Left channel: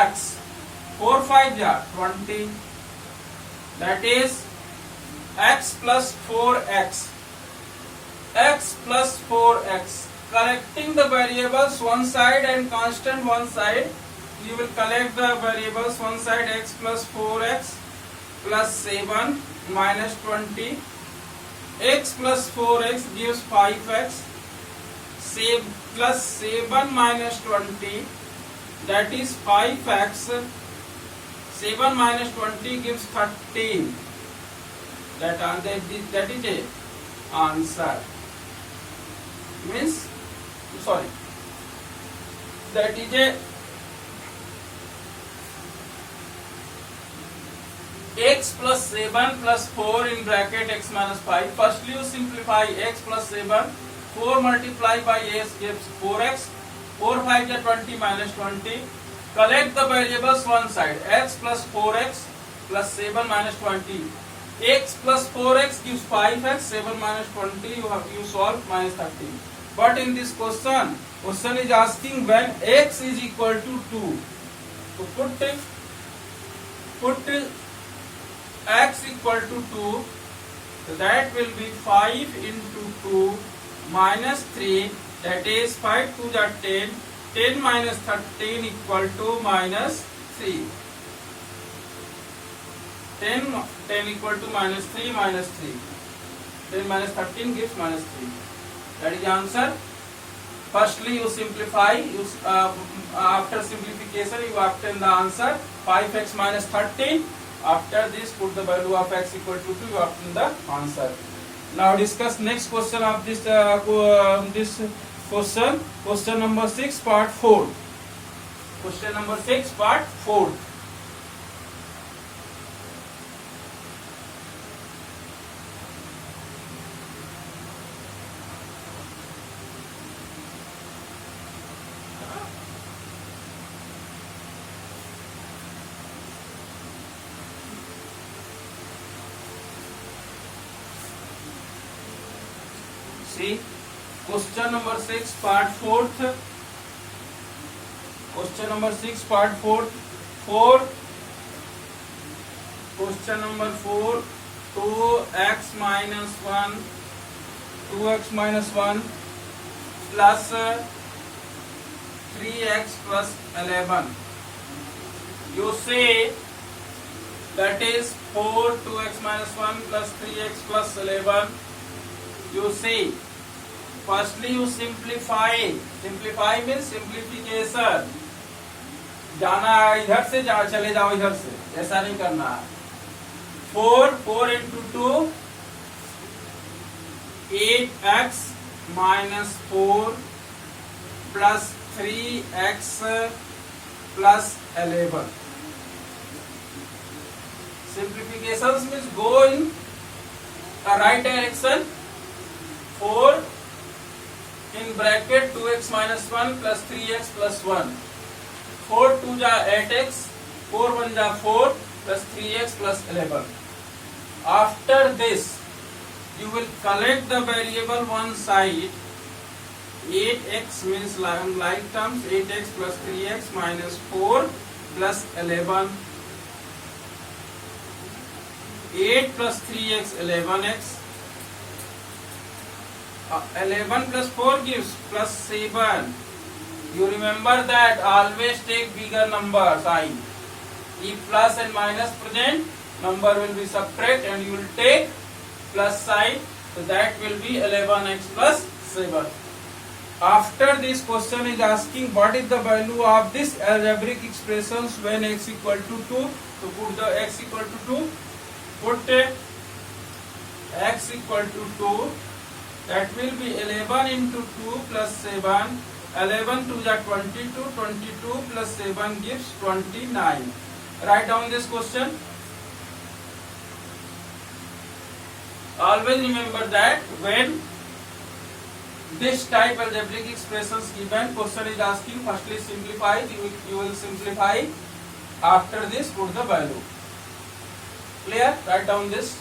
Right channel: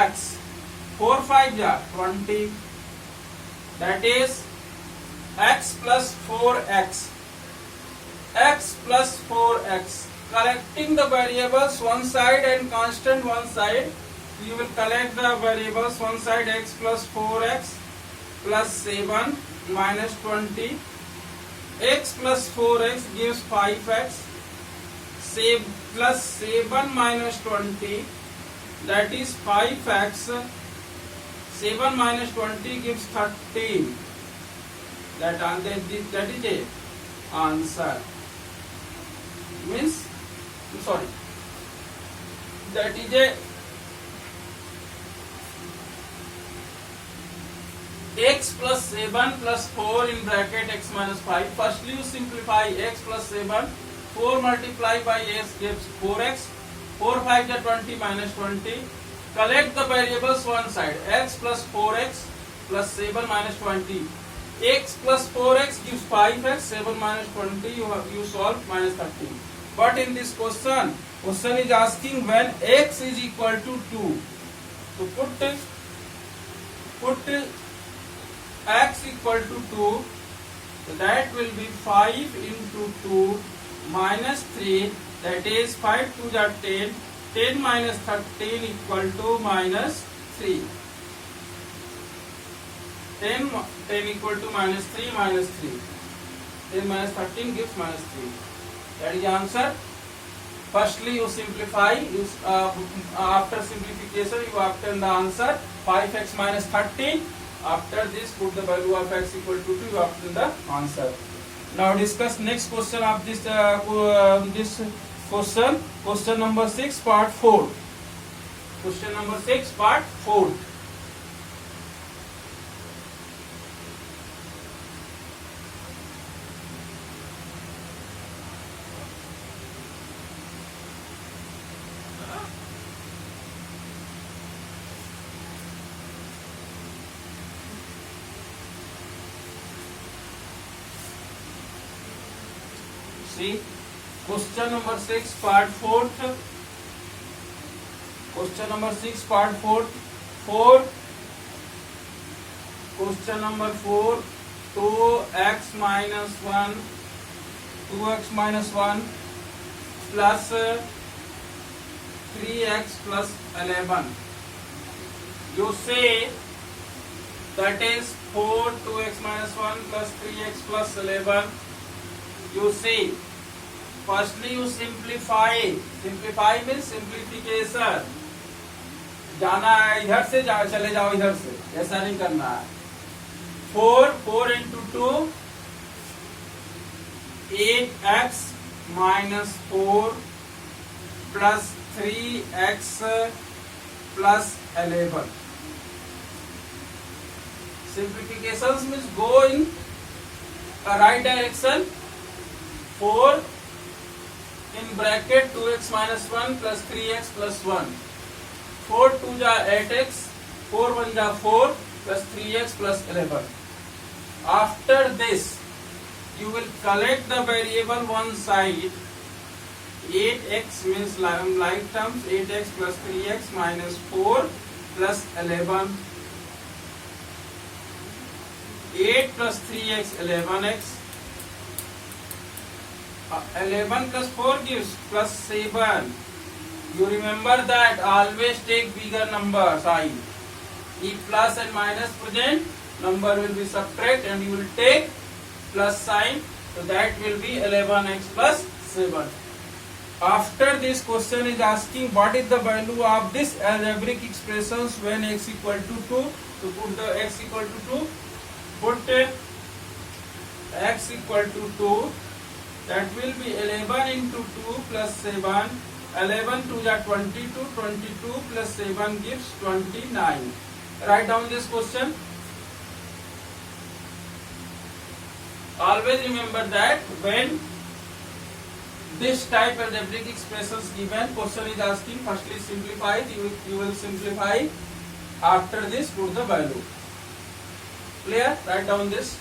x. 4 5 ja 20. That is x plus 4x. X plus 4x. Collecting the variables one side and constant one side, you will collect the variables one side. X plus 4x plus 7 minus 20. X plus 4x gives 5x. Plus 7 minus 20, that is 5x. 7 minus 20 gives 13. That is a answer. Means, sorry, that is a x plus 7 plus 4 in bracket x minus 5. Firstly you simplify x plus 7. 4 multiplied by x gives 4x. 4 5 is 20 minus 20. Collect the variables one side. X plus 4x plus 7 minus 20. X plus 4x gives 5x. 7 minus 20 you solve minus 13. But in this question is asking when x is equal to 2. So put x equal to 2. So that will be 5 into 2 minus 3. That is 5 2 are 10. 10 minus 13 equal to minus 3. 10 equal to minus 3 minus 3. 10 minus 13 gives minus 3. That is the answer. Firstly you simplify. After simplification you obtain the answer 5x minus 13. After this put the value of x equal to 2. You obtain the answer. Now discuss next question of this question. Question number 6 part 4. Question number 6 part 4. See, question number 6 part 4th. Question number 6 part 4. Question number 4. 2x minus 1 plus 3x plus 11. You say that is 4 2x minus 1 plus 3x plus 11. You see, firstly you simplify. Simplify means simplification. जाना है इधर से चले जाओ इधर से, ऐसा नहीं करना है. 4 into 2 8x minus 4 plus 3x plus 11. Simplifications means go in the right direction. 4 in bracket 2x minus 1 plus 3x plus 1. 4 2 ja 8x, 4 1 ja 4 plus 3x plus 11. After this, you will collect the variable one side. 8x means like terms, 8x plus 3x minus 4 plus 11. 8 plus 3x 11x. 11 plus 4 gives plus 7. You remember that always take bigger number sign. If plus and minus present, number will be subtract and you will take plus sign. So that will be 11x plus 7. After this question is asking what is the value of this algebraic expressions when x equal to 2. So put the x equal to 2. Put x equal to 2. That will be 11 into 2 plus 7. 11 2 is 22. 22 plus 7 gives 29. Write down this question. Always remember that when this type algebraic expressions given, question is asking firstly simplify. You will simplify. After this put the value. Clear? Write down this.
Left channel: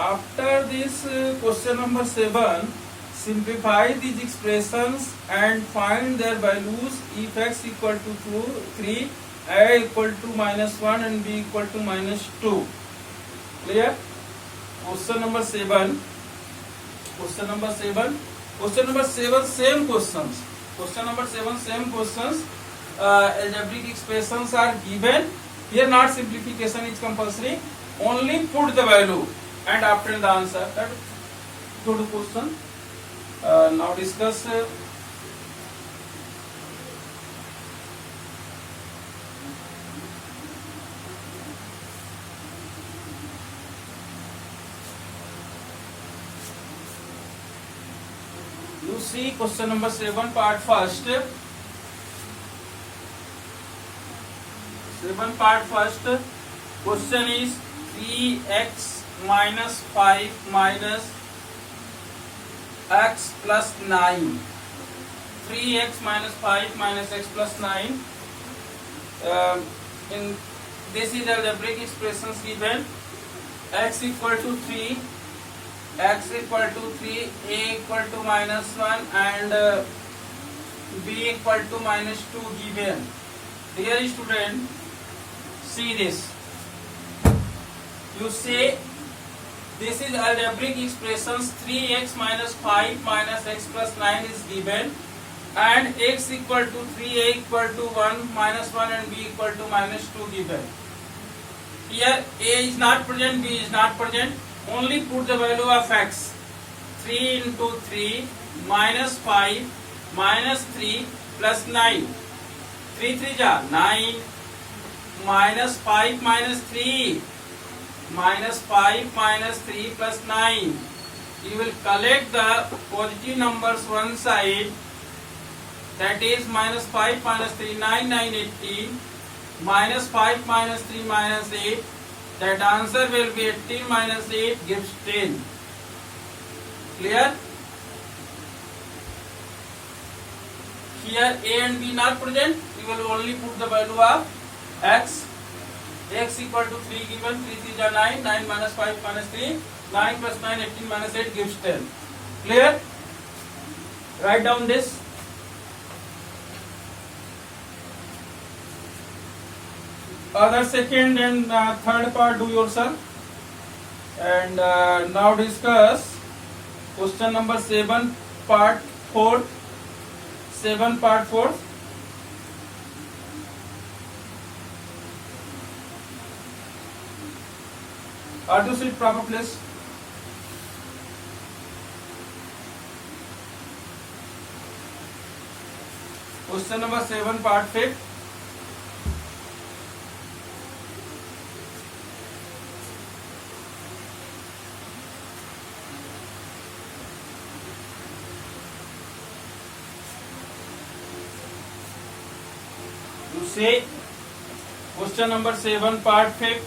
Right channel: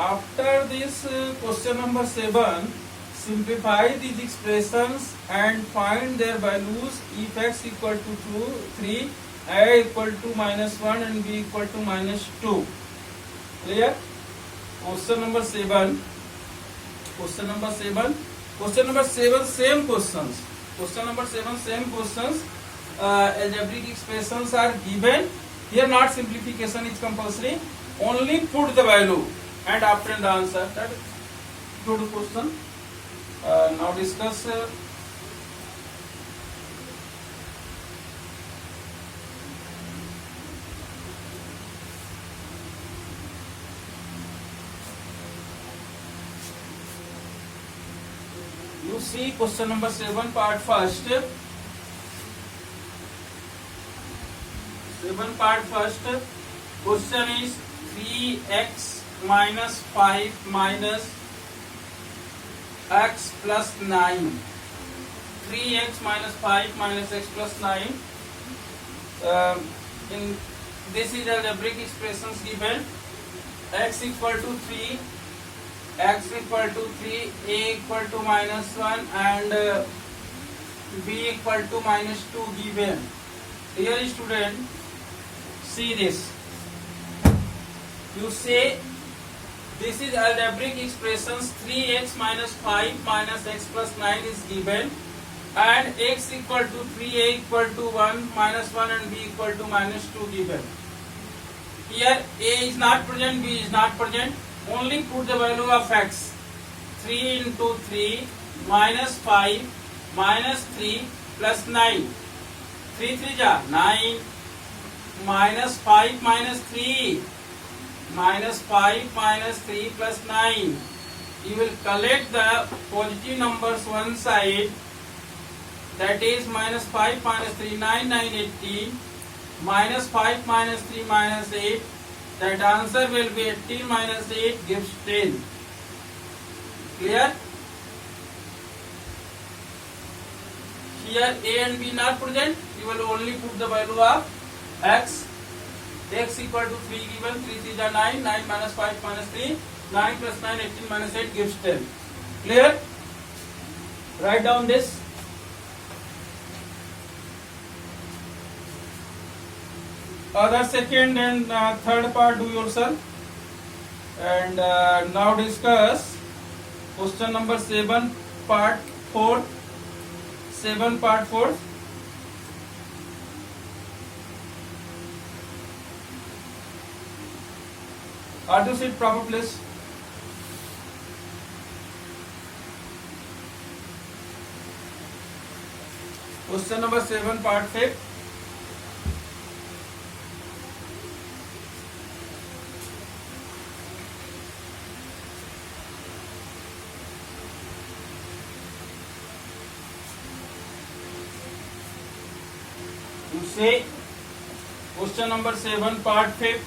after this question number 7, simplify these expressions and find their values if x equal to 2, 3, a equal to -1 and b equal to -2. Clear? Question number 7. Question number 7. Question number 7 same questions. Question number 7 same questions. Algebraic expressions are given. Here not simplification is compulsory. Only put the value and after the answer. That good question. Now discuss. You see question number 7 part first. 7 part first. Question is 3x minus 5 minus x plus 9. 3x minus 5 minus x plus 9. In this is algebraic expressions given. X equal to 3. X equal to 3, a equal to -1 and b equal to -2 given. Dear student, see this. You say this is algebraic expressions. 3x minus 5 minus x plus 9 is given and x equal to 3, a equal to 1, -1 and b equal to -2 given. Here a is not present, b is not present. Only put the value of x. 3 into 3 minus 5 minus 3 plus 9. 3 3 ja 9 minus 5 minus 3 minus 5 minus 3 plus 9. You will collect the positive numbers one side. That is minus 5 minus 3 9 9 18 minus 5 minus 3 minus 8. That answer will be 18 minus 8 gives 10. Clear? Here a and b not present. You will only put the value of x. X equal to 3 given. 3 3 is 9. 9 minus 5 minus 3. 9 plus 9 18 minus 8 gives 10. Clear? Write down this. Other second and third part do yourself. And now discuss question number 7 part 4. 7 part 4. Are you sit proper place? Question number 7 part 5. You say question number 7 part 5.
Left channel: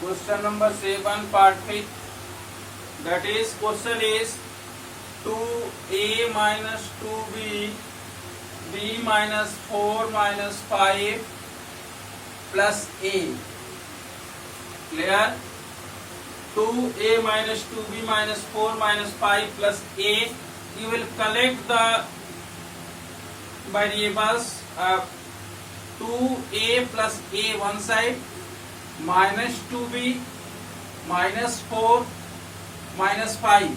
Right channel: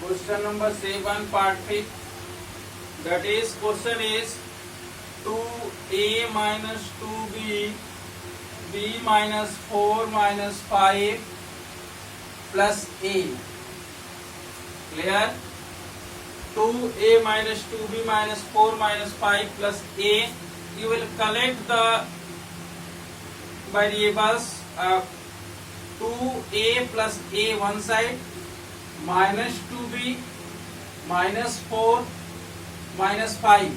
Question number 7 part 5. That is question is 2a minus 2b, b minus 4 minus 5 plus a. Clear? 2a minus 2b minus 4 minus 5 plus a. You will collect the variables. 2a plus a one side minus 2b minus 4 minus 5.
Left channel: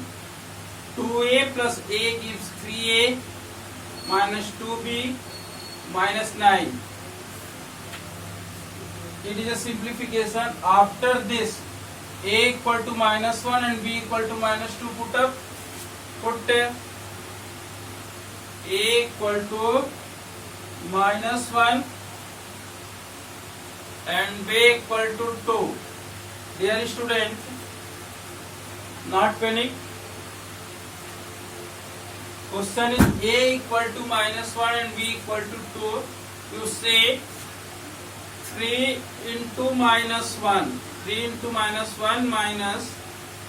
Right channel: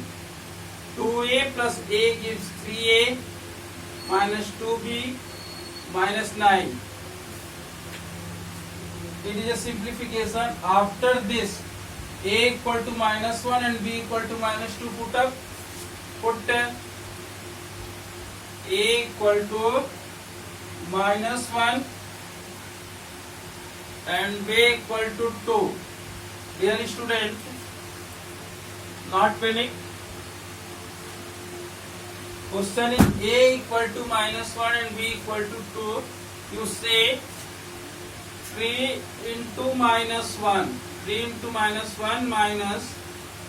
2a plus a gives 3a minus 2b minus 9. It is a simplification. After this a equal to -1 and b equal to -2 put up. Put a equal to -1 and b equal to 2. Dear student, not panic. Question is a equal to -1 and b equal to 2. You say 3 into -1. 3 into -1 minus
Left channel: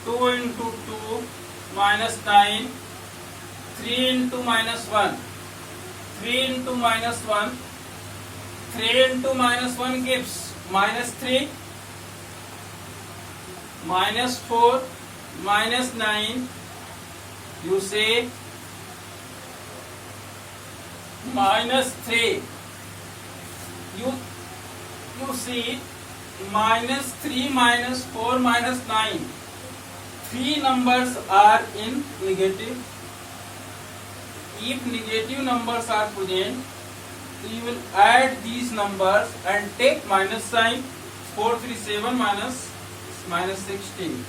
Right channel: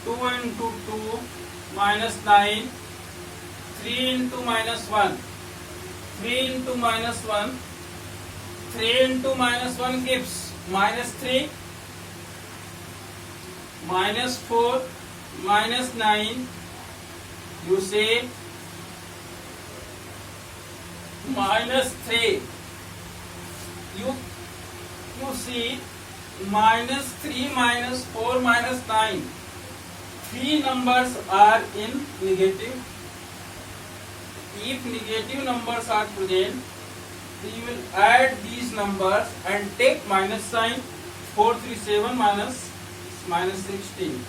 2 into 2 minus 9. 3 into -1. 3 into -1. 3 into -1 gives -3. -4 -9, you say -3. You see -3 -4 -9. Three numbers are in negative. If negative numbers are present, you will add these numbers and take minus sign. 4 3 7 minus 16.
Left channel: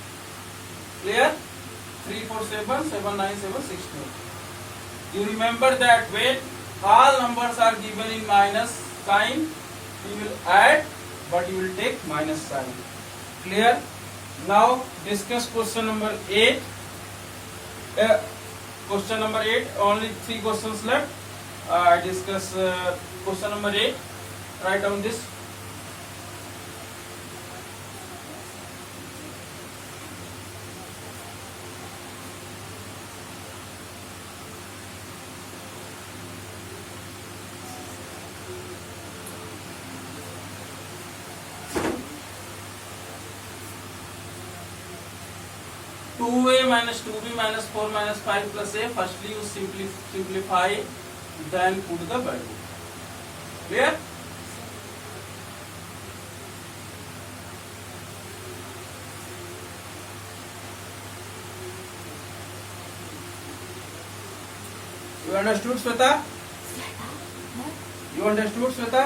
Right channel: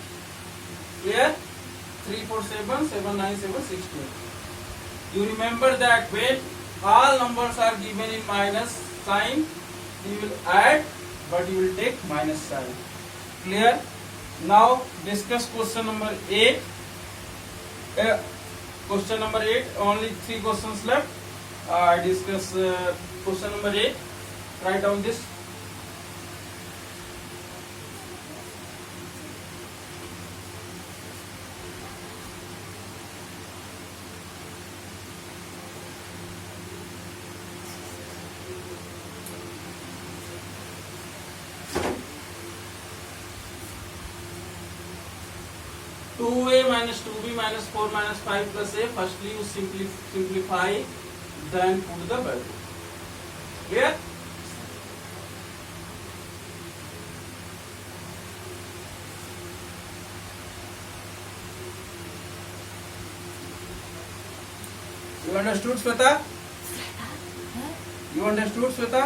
Clear? 3 4 7 7 9 7 16. You remember that when all numbers are given in minus sign, you will add, but you will take minus sign. Clear? Now discuss question number 8. Question number 8. Only 3 questions left. I discuss question number 8. Write down this. Two a minus 2b minus 4 minus 5 plus a. Firstly, you simplify, then put the value. Clear? You understood, Shweta? You understood, Shweta?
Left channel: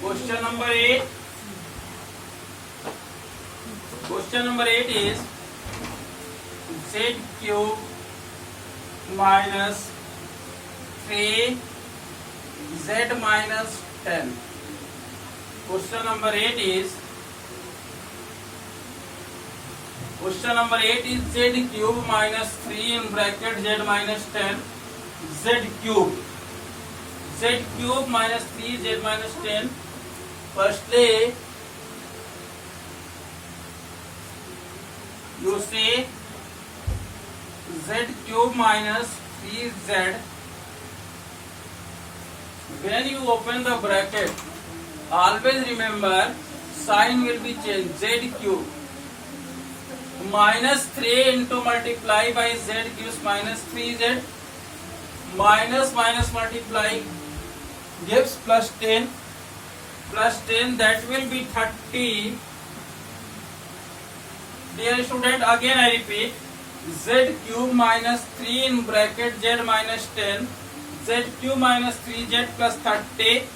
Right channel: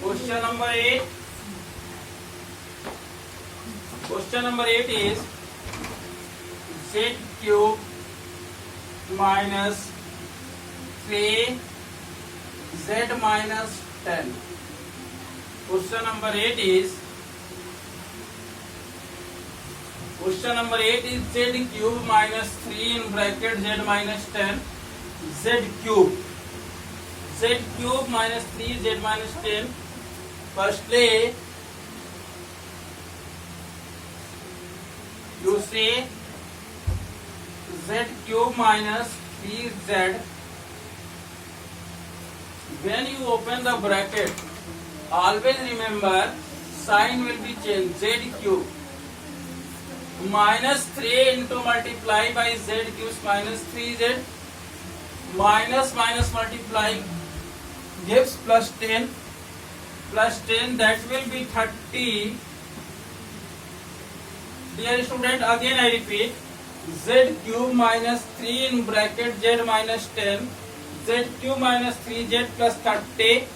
Question number 8. Question number 8 is z cube minus 3 z minus 10. Question number 8 is z cube minus 3 in bracket z minus 10 z cube. Z cube minus 3 z minus 10. Firstly, you say z cube minus 3z. When you open the bracket, always remember sign will be changed. Z cube minus 3 into multiply by z gives minus 3z. Minus multiply gives plus 10. Plus 10, that will be 30. Dear student, again I repeat, z cube minus 3 in bracket z minus 10, z cube minus 3z plus 30,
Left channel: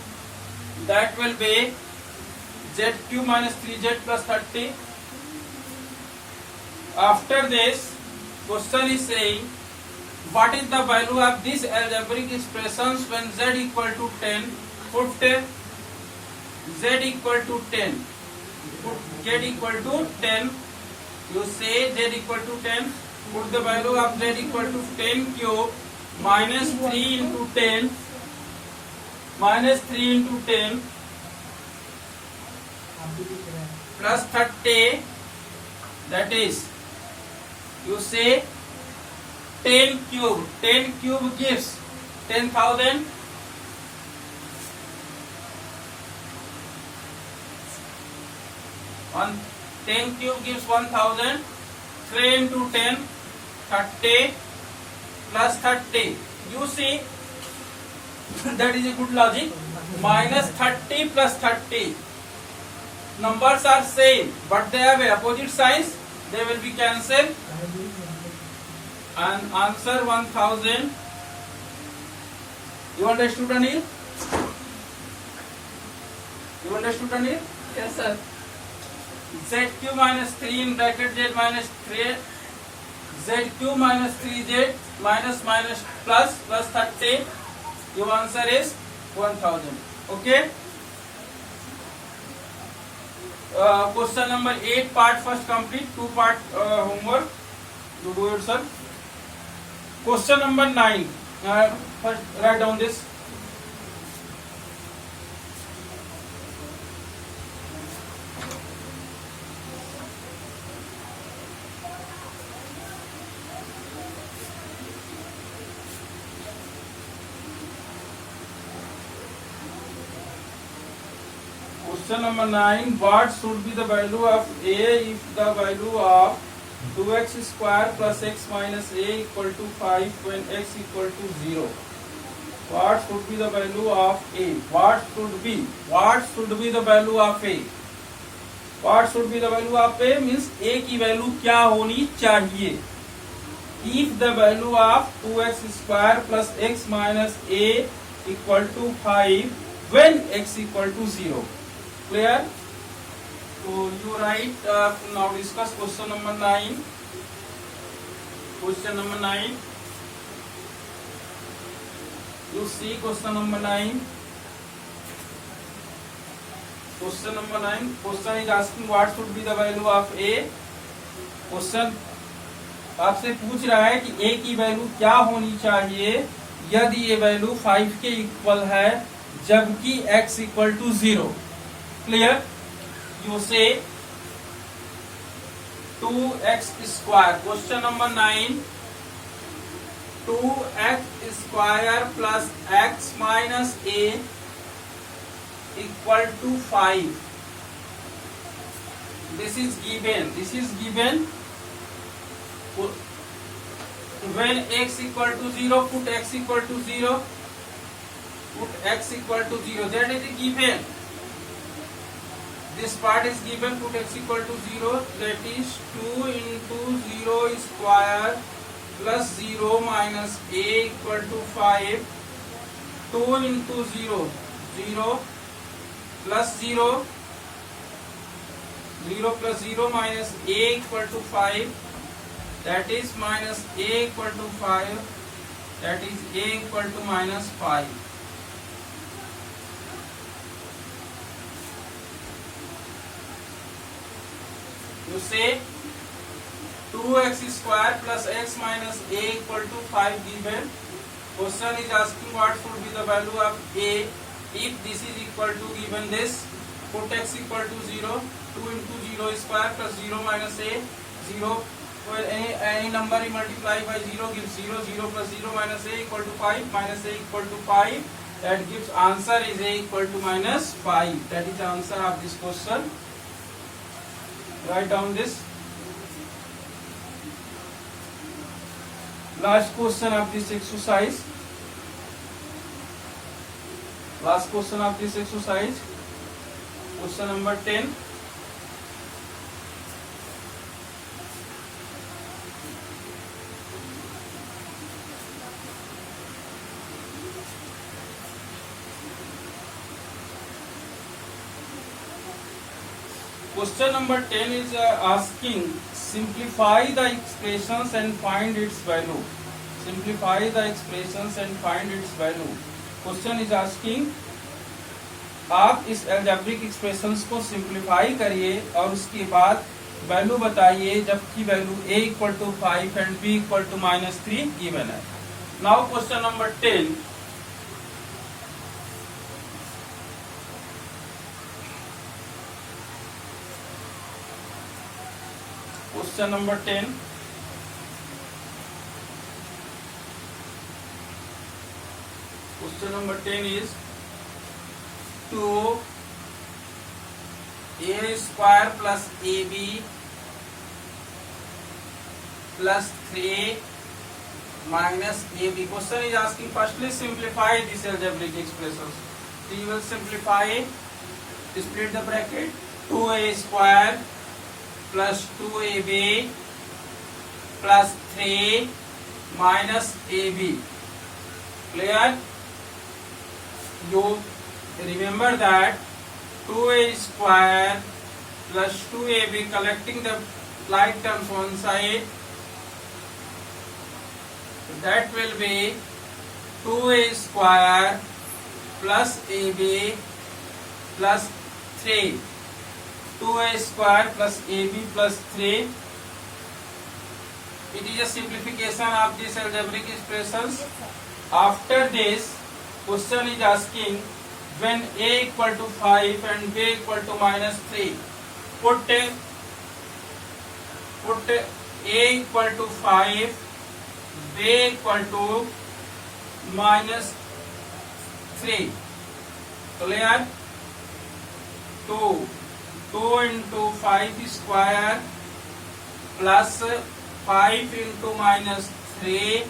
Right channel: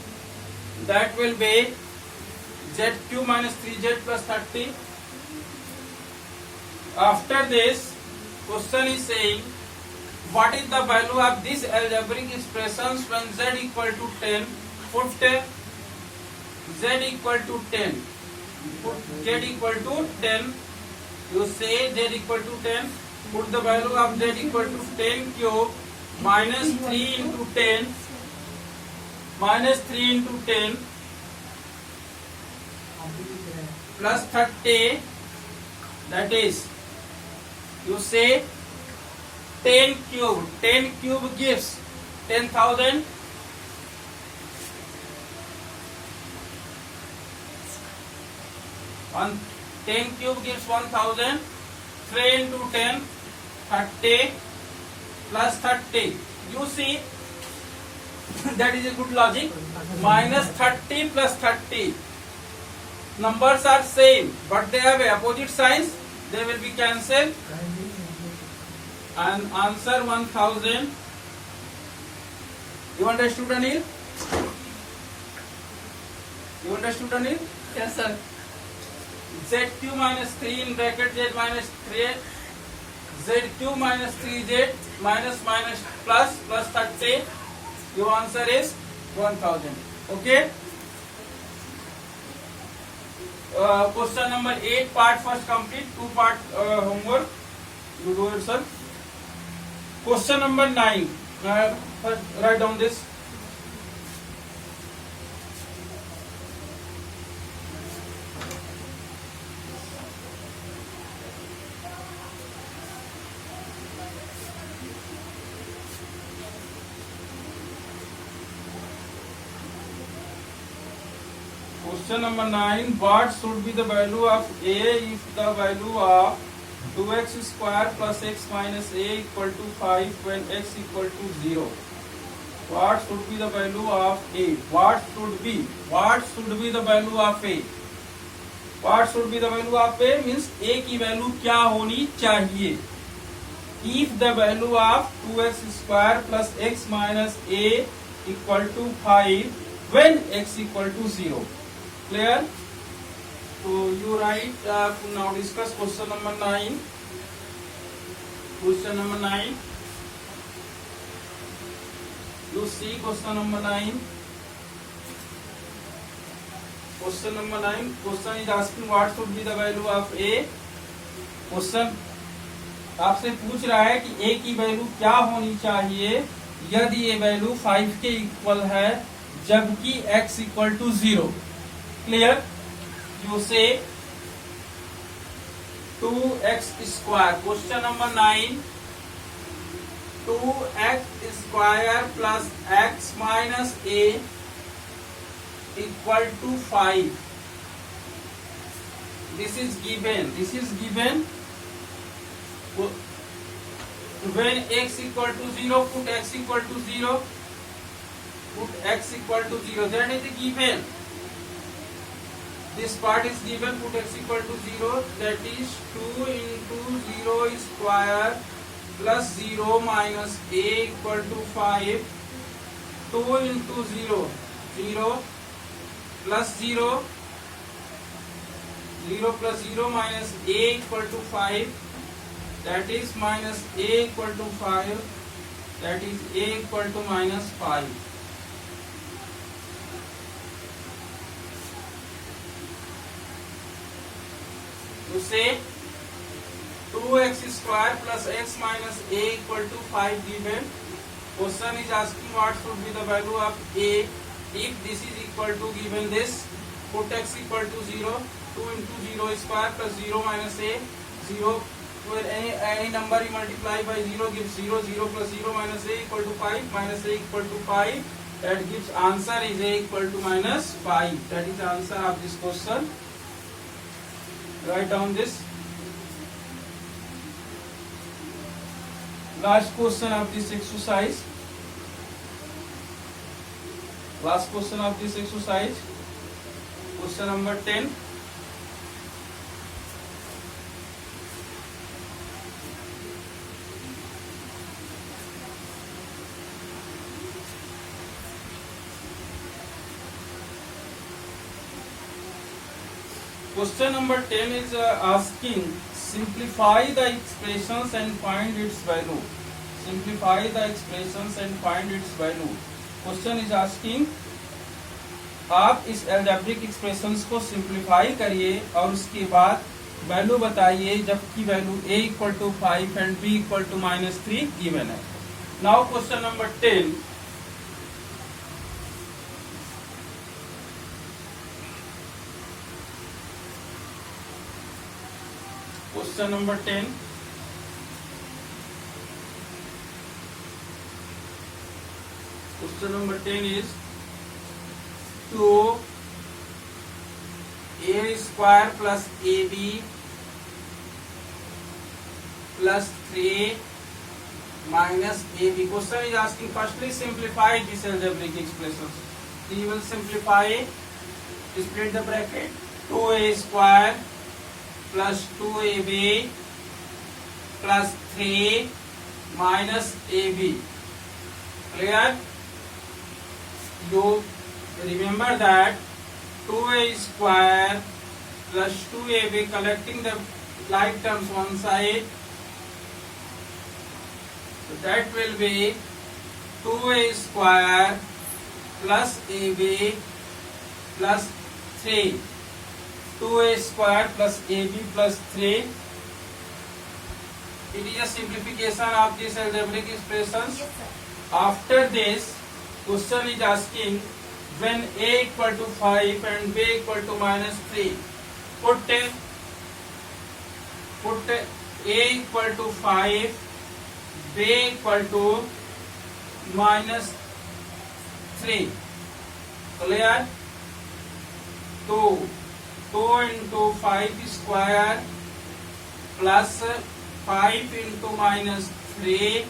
that will be z cube minus 3z plus 30. After this, question is saying, what is the value of this algebraic expressions when z equal to 10? Put z equal to 10. Put z equal to 10. You say z equal to 10. Put the value of z equal to 10 cube minus 3 into 10. Minus 3 into 10 plus 30. That is, you say 10 cube. 10 cube gives 10,000. 10 cube gives 1,000. 3 into 10, 30 plus 30. You see, that is a good logic. Minus 30 plus 30. Numbers are same, but they have opposite signs. They will be cancelled. And answer 1,000. You understood, Anil? You understood, Anil? Yes, sir. Z cube minus 3 in bracket z minus 3. Z cube minus 3z minus plus 30. Your answer is 1,000. Okay? Question number 8 part first complete. 2 part homework. You do yourself. Question number 9. First write down this. Question number 9. What should be the value of a if the value of 2x square plus x minus a equal to 5 when x equal to 0? What should be the value of a? What should be the value of a? What should be the value of a means a की value क्या होनी चाहिए? If the value of 2x square plus x minus a equal to 5 when x equal to 0. Clear? So you write now discuss question number 9. Question number 9. You see question number 9. Question number 9. Question is asking what should be the value of a. Question आपसे पूछ रहा है कि a की value क्या होनी चाहिए यदि ये वैल्यू 5 के इक्वल है जबकि x equal to 0. Clear? You say 2x square. Question number 9. 2x square plus x minus a equal to 5. This is given. When x equal to 0, put x equal to 0. Put x equal to 0. That is given. This part is given. Put x equal to 0. That is 2 into 0 square plus 0 minus a equal to 5. 2 into 0. 0 plus 0. 0 plus 0 minus a equal to 5. That is minus a equal to 5. That is a equal to minus 5. You say 2x square plus x minus a equal to 5 given. Question is asking what should be the value of a if this is equal to given this. Put x equal to 0. 2 into 0 square plus 0 minus a. 0. Where any number you multiply by 0 gives 0. 0 plus 0 minus a equal to 5. Minus a equal to 5. That gives answer is a equal to minus 5. That is the answer of this question. Write down this. Last question of this exercise. Last question of this exercise. Question number 10. Question number 10 is asking simplify the expressions and find its value. Simplify the expressions and find its value. Question is asking आप इस algebraic expressions को simplify करिए और उसके बाद value बताइए जबकि value a equal to 5 and b equal to minus 3 given है. Now question number 10. Question number 10. Question number 10 is 2a square plus ab plus 3a minus ab. Question is asking firstly simplify this algebraic expressions. So you will simplify, split the bracket. 2a square plus 2ab plus 3 minus ab. Clear? You remember that 2a square plus 2ab, collecting the like terms one side, so that will be 2a square plus ab plus 3. 2a square plus ab plus 3. It is a simplification of these algebraic expressions. After this, question is asking when a equal to 5 and b equal to minus 3. Put a equal to 5, b equal to minus 3. Clear? 2 into 5 square plus 5 into minus 3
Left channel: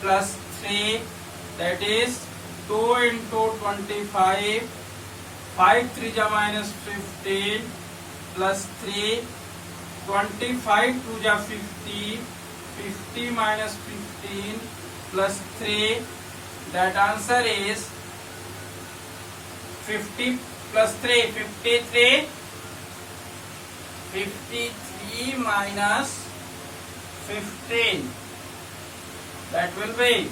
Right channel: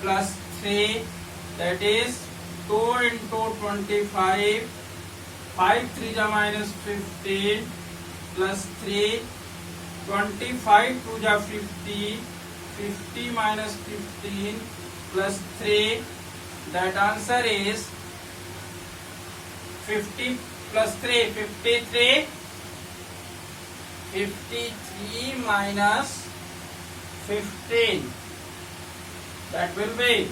plus 3, that is 2 into 25, 5 3 ja minus 15 plus 3, 25 2 ja 50, 50 minus 15 plus 3, that answer is 50 plus 3, 53, 53 minus 15, that will be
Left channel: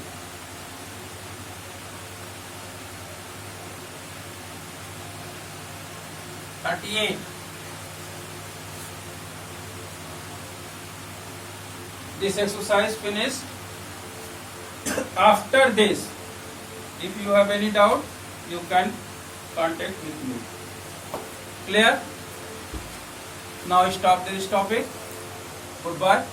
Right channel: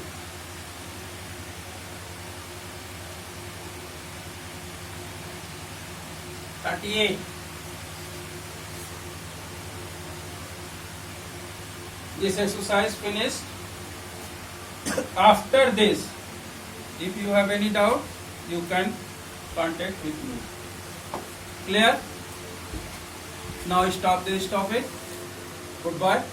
38. This exercise finished. After this, if you have any doubt, you can contact with me. Clear? Now stop this topic. Goodbye.